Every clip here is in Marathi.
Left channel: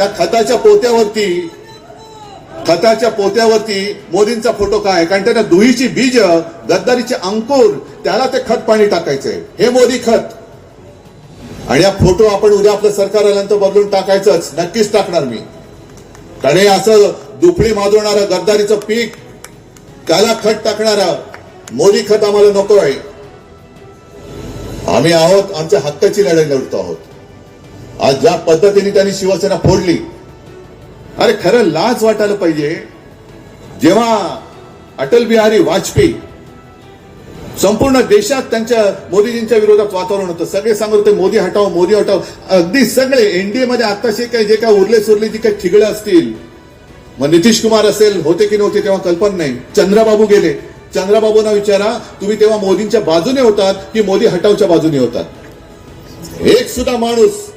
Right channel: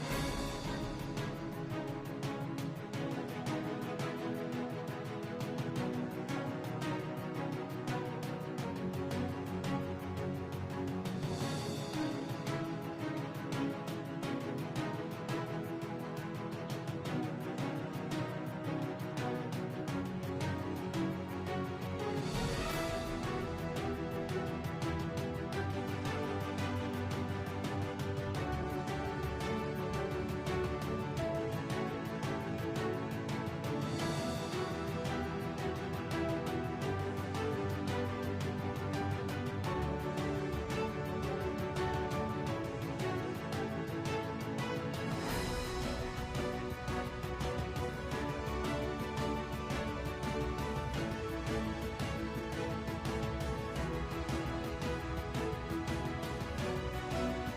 त्या खताच्या पोत्यावरती खताच्या पोत्यावरती मोदींचा फोटो काय? कारण त्यांना दुहीची बीज गद्दारीचे अंकुर त्याला ते खत पाणी टाकायचंय. हे मोदी खत. आणि हा फोटो आपण उद्या आपलं सरकार आल्यानंतर बदलून टाकायचंच. नक्कीच टाकणार मी. कारण हे असं दुपडी माजवणारं गद्दारीचं पीक त्याला खत टाकणारा मोदी खत आम्हाला नको आहे. आम्ही आहोत आमच्या हक्काची लढाई लढतो आहोत. आज ज्या पद्धतीने त्यांनी शिवसेना फोडली अरे खरं लाज वाटायला पाहिजे. जेव्हा अटल बिहारी वाजपेयी संपूर्ण देशात त्यांच्या मोदीजींच्या विरोधात वातावरण होतं सगळे सांगत होते मोदी हटाव मोदी हटाव अगदी सगळे एनडीए मध्ये आताशी काही जे काय उरले सुरले जी काही ठिगळे असतील मग नितीश कुमार असेल होते की नव्हते तेव्हा कल्पना नाही. चंद्रबाबू गेले. चंद्रबाबूंना विचारा तुम्ही तेव्हा मोदींच्या बाजूने होतात की मोदी हटावच्या बाजूने होतात. एक सुद्धा माणूस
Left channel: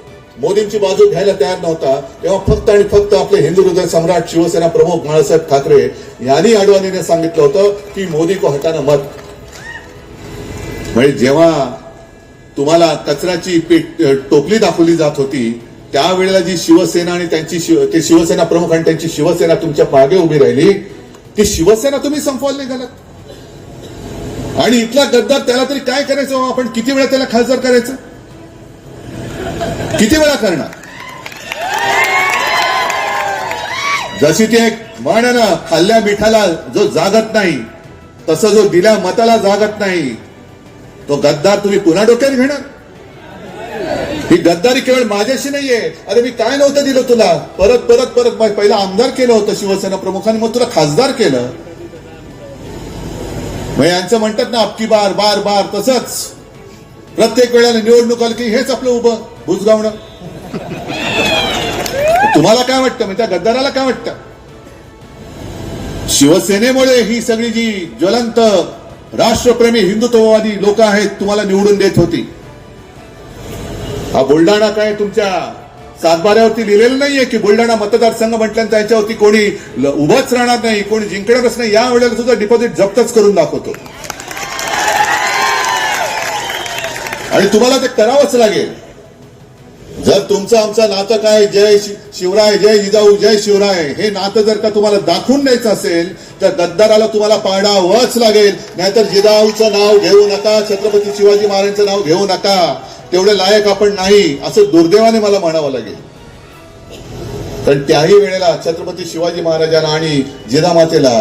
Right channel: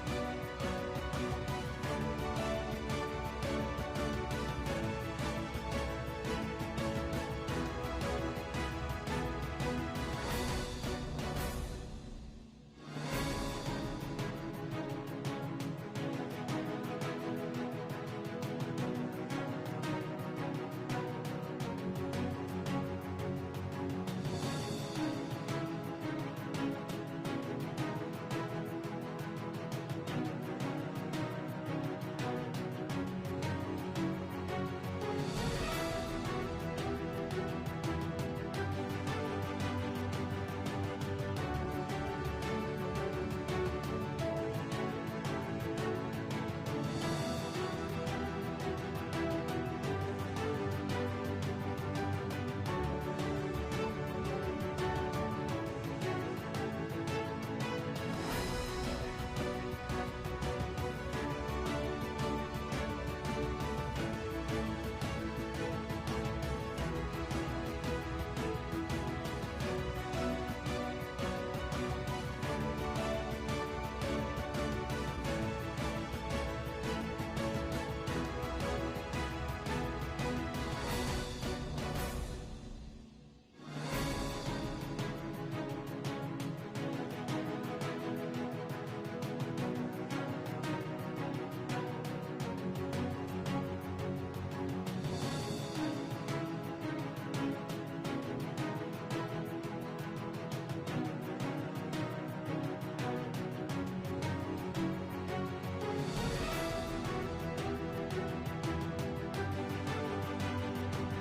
मोदींची बाजू घ्यायला तयार नव्हता. तेव्हा फक्त आणि फक्त आपले हिंदू हृदय सम्राट शिवसेना प्रमुख बाळासाहेब ठाकरे यांनी अडवाणीने सांगितलं होतं की मोदी को हटाना मत. म्हणजे जेव्हा तुम्हाला कचऱ्याची टोपली दाखवली जात होती त्यावेळेला जी शिवसेना आणि त्यांची शिव ते शिवसेना प्रमुख आणि त्यांची शिवसेना तुमच्या मागे उभी राहिली ती शिवसेना तुम्ही संपवायला निघालात आणि इथला गद्दार त्याला तरी काय करायचं? आपण किती वेळा त्याला खासदार करायचं? किती वेळा करणार? जशी ती एक म्हण ना खाल्ल्या मिठाला जो जागत नाही तसं जो दिल्या मताला जागत नाही तो गद्दार तुम्ही पुन्हा डोक्यात घेणार? ही गद्दारी केवळ माझ्याशी नाहीये. अरे मी काय नव्हतं दिलं तुला? परत परत परत पहिला आमदार केलं होतं शिवसेना प्रमुखाने मग तुला खासदार केलं. मग यांचं म्हणतात ना अबकी बार बार बार तसंच. प्रत्येक वेळेला निवडणूक आली की हेच आपलं उभं. भुजगावणं तुम्हाला काय वाटतं? म्हणजे त्या गद्दाराला काय वाटतं? शिवसेनेमुळे ही सगळी जी ज्वलंत राष्ट्रप्रेमी हिंदुत्ववादी लोक आहेत तुम्हाला निवडून देत होती. हा बुलढाणा काय तुमच्या सातबाऱ्यावरती लिहिलेलं नाहीये की बुलढाणा मतदारसंघ म्हटल्यानंतर त्याच्यावरती कोणी ल- उभंच राहणार नाही कोणी जिंकणारच नाही या वेळेला सुद्धा डिपॉझिट जप्तच करून दाखवतो. आणि तुम्हाला ते करावंच लागेल. जर तुमचं आमचं नातं काय जय शिवराय जय जिजाऊ जय शिवराय हे नातं जर का तुम्हाला दाखवून द्यायचं असेल तर गद्दाराला तुम्हाला पाडावंच लागेल. नाहीतर जिजाऊचं नाव घेऊ नका छत्रपती शिवाजी महाराजांचं नाव घेऊ नका. तेवढे लायक आपण नाही असं दुर्दैवाने मला म्हणावं लागेल. पण त्याही वेळेला छत्रपती शिवाजी महाराजांना आणि जिजामातेला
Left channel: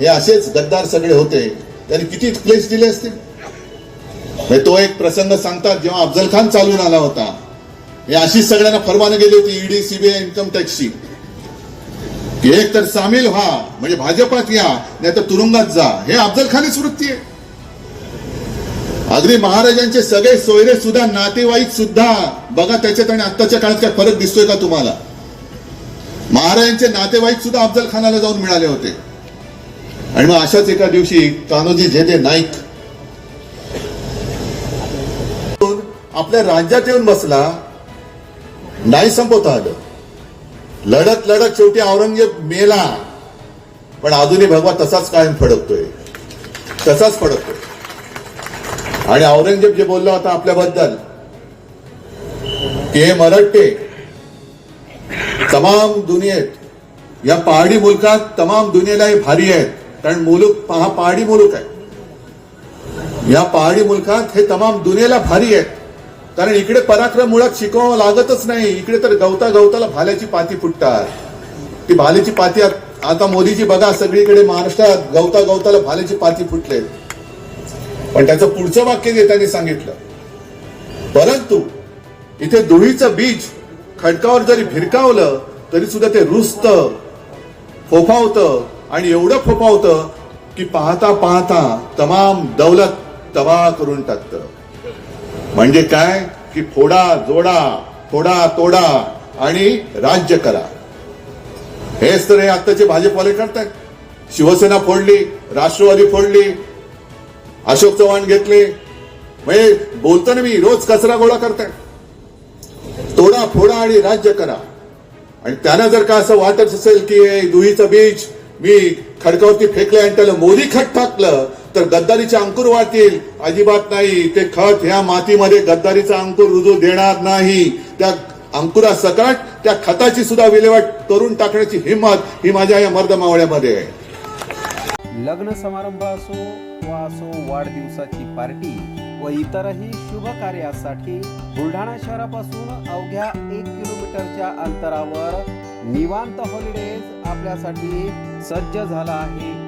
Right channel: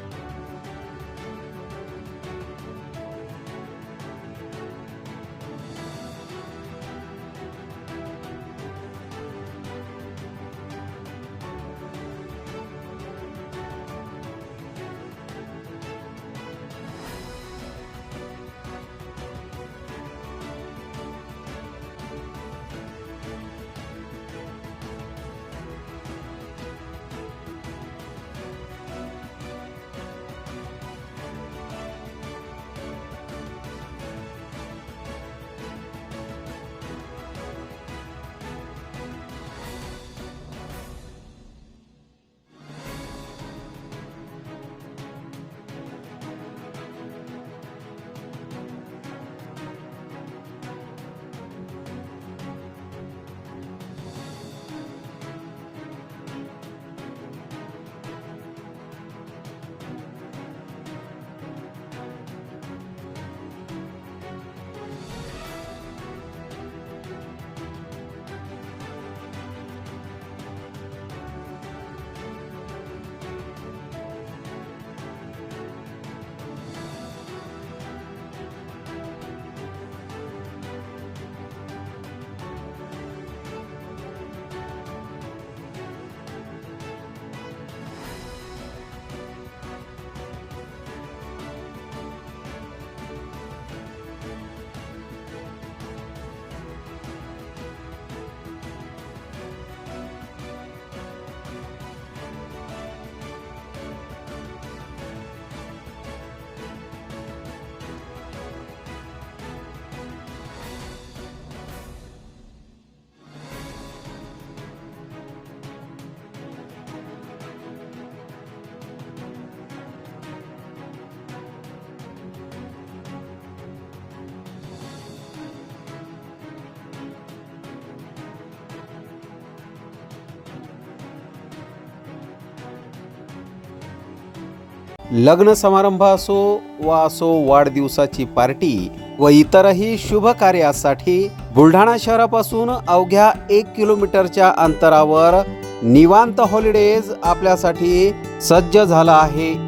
हे असेच गद्दार सगळे होते. त्यांनी किती प्लेस दिले असते म्हणजे तो एक प्रसंग सांगतात जेव्हा अफजल खान चालून आला होता. हे अशीच सगळ्यांना फरमानं गेली होती ईडी सीबीआय इन्कम टॅक्सची की एक तर सामील व्हा म्हणजे भाजपात या नाही तर तुरुंगात जा. हे अफजल खानीच वृत्ती आहे. अगदी महाराजांचे सगळे सोयरे सुद्धा नातेवाईक सुद्धा बघा त्याच्यात आणि आत्ताच्या काळात काय फरक दिसतोय का तुम्हाला? महाराजांचे नातेवाईक सुद्धा अफजल खानाला जाऊन मिळाले होते. आणि मग अशाच एका दिवशी कान्होजी झेदे नाईक आपल्या राज्यात येऊन बसला. नाही संपवता आलं लढत लढत शेवटी औरंगजेब मेला. पण अजूनही भगवा तसाच कायम फडकतोय. तसाच फडकतोय. आणि औरंगजेब जे बोलला होता आपल्याबद्दल ते हे तमाम दुनियेत या पहाडी मुलकात तमाम दुनियेला हे भारी आहेत. कारण मुलूक हा पहाडी मुलूक आहे. या पहाडी मुलकात हे तमाम दुनियेला भारी आहेत. कारण इकडे पराक्रम मुळात शिकवावं लागतच नाही. इकडे तर गवता गवताला भाल्याची पाती फुटतात. ती भाल्याची पाती आता मोदीजी बघा सगळीकडे महाराष्ट्रात गवता गवताला भाल्याची पाती फुटले पण त्याचं पुढचं वाक्य जे त्यांनी सांगितलं परंतु इथे धुळीचं बीज खडकावर जरी भिरकावलं तरी सुद्धा ते रुजत फोफावतं आणि एवढं फोफावतं की पाहता पाहता तमाम दौलत तबाह करून टाकतं. म्हणजे काय? की फोडा जोडा फोडा तोडा आणि राज्य करा. हेच तर हे आत्ताचे भाजपवाले करतायत. शिवसेना फोडली राष्ट्रवादी फोडली अशोक चव्हाण घेतले. म्हणजे बोलताना मी रोज कचरा गोळा करताय तोडा फोडा आणि राज्य करा. आणि त्यांना जर का असं वाटत असेल की दुहीचं बीज मी खडकावरती फेकलं आणि त्याला मोदी खट टाकलं तर गद्दारीचे अंकुर वाढतील. अजिबात नाही. ते खत ह्या मातीमध्ये गद्दारीचा अंकुर रुजू देणार नाही. त्या अंकुरा सकट त्या खताची सुद्धा विल्हेवाट करून टाकण्याची हिंमत ही माझ्या या मर्द मावळ्यामध्ये आहे. लग्न समारंभ असो वा असो वाढदिवसाची पार्टी व इतरही शुभ कार्यासाठी बुलढाणा शहरापासून अवघ्या एक किलोमीटरच्या अंतरावर निवांत हॉलिडेज आपल्यासाठी सज्ज झाला आहे.